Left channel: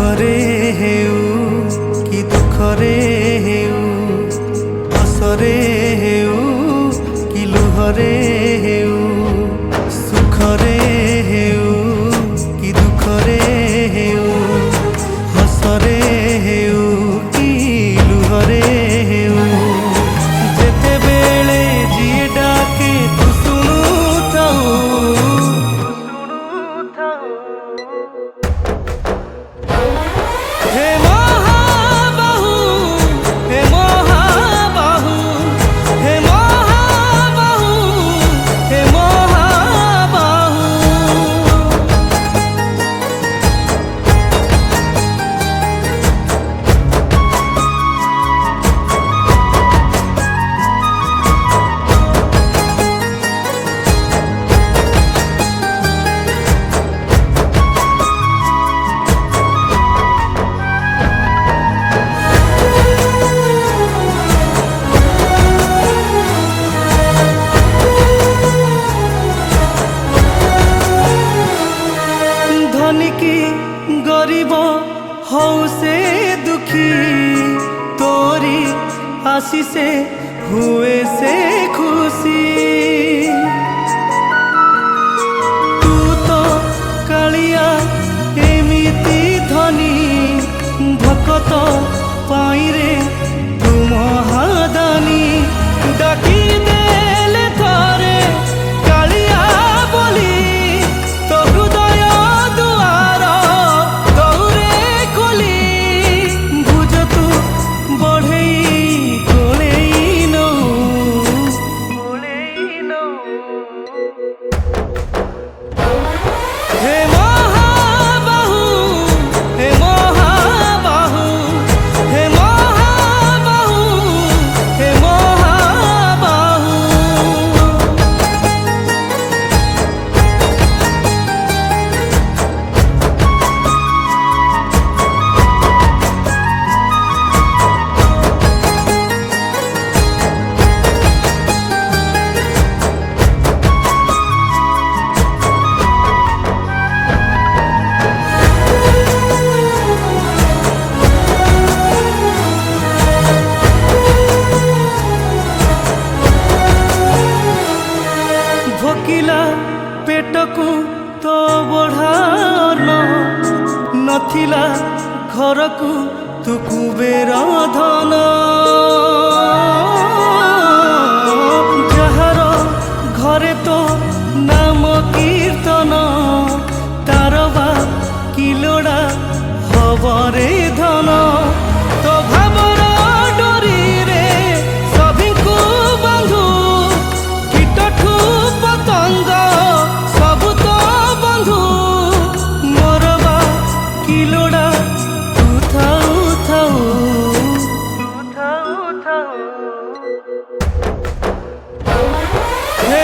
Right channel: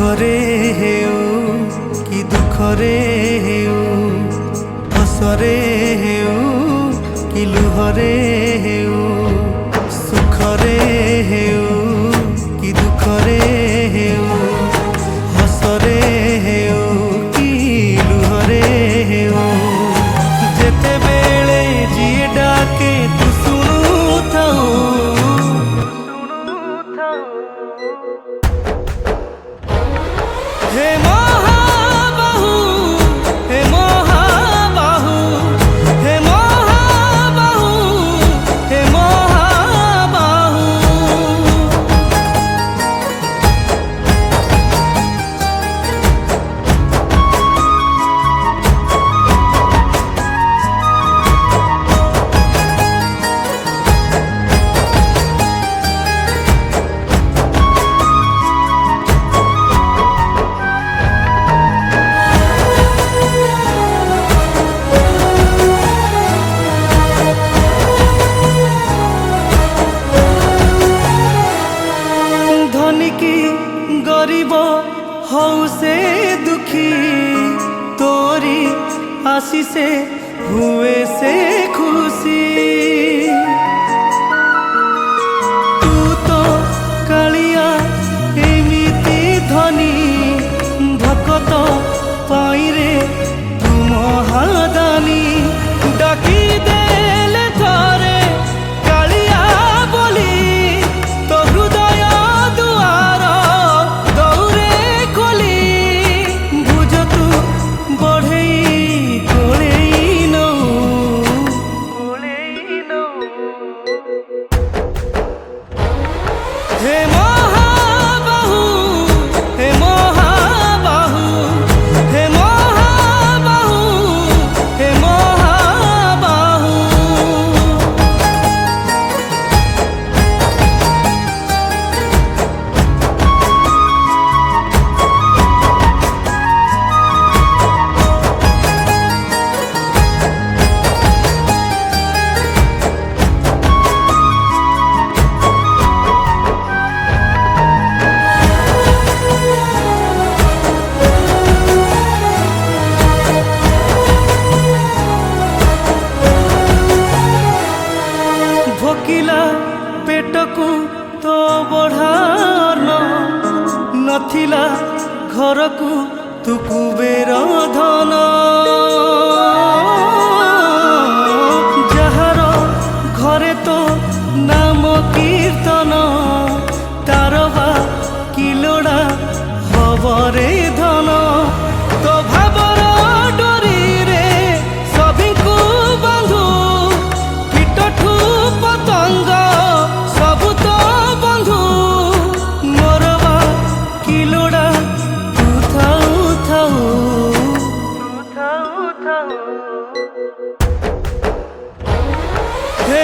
ସୁଖରେ ହେଉ କି ଦୁଃଖରେ ହେଉ, ହସରେ ହେଉ କି ଲୁହରେ ହେଉ, ସୁଖରେ ହେଉ କି ଦୁଃଖରେ ହେଉ, ହସରେ ହେଉ କି ଲୁହରେ ହେଉ, ଯେତେବେଳେ ଯିଏ ଡାକେ ତୁ ଶୁଣୁଥାଉ। हे महाबाहु, हे महाबाहु, हे महाबाहु, हे महाबाहु। धनी की गरीब हौ से दुखी, तोरी आशीषे हुए से खुशी। तू तो कालिया एमिति धनी, भकत पाइरे तू महादानी। डाकी देले थरे कालिया बोली, तो हृदय दुआर दौरे खोली। भुज तू बढ़ई कोलेई नऊ, हे महाबाहु, हे महाबाहु, हे महाबाहु, हे महाबाहु। भोकिला पेटकू तो बढ़ार नथिला घरकू तू कुबेर धन। जहार घरे तो नाम कीर्तन, तारवा किलोड़ा हबरे धन। तो भावर डोरी रे सभिଙ୍କୁ बांधु, कीटठू पतंग सबु तो बंधु। मोरबा किलोड़ा तू थाऊ थाऊ, हे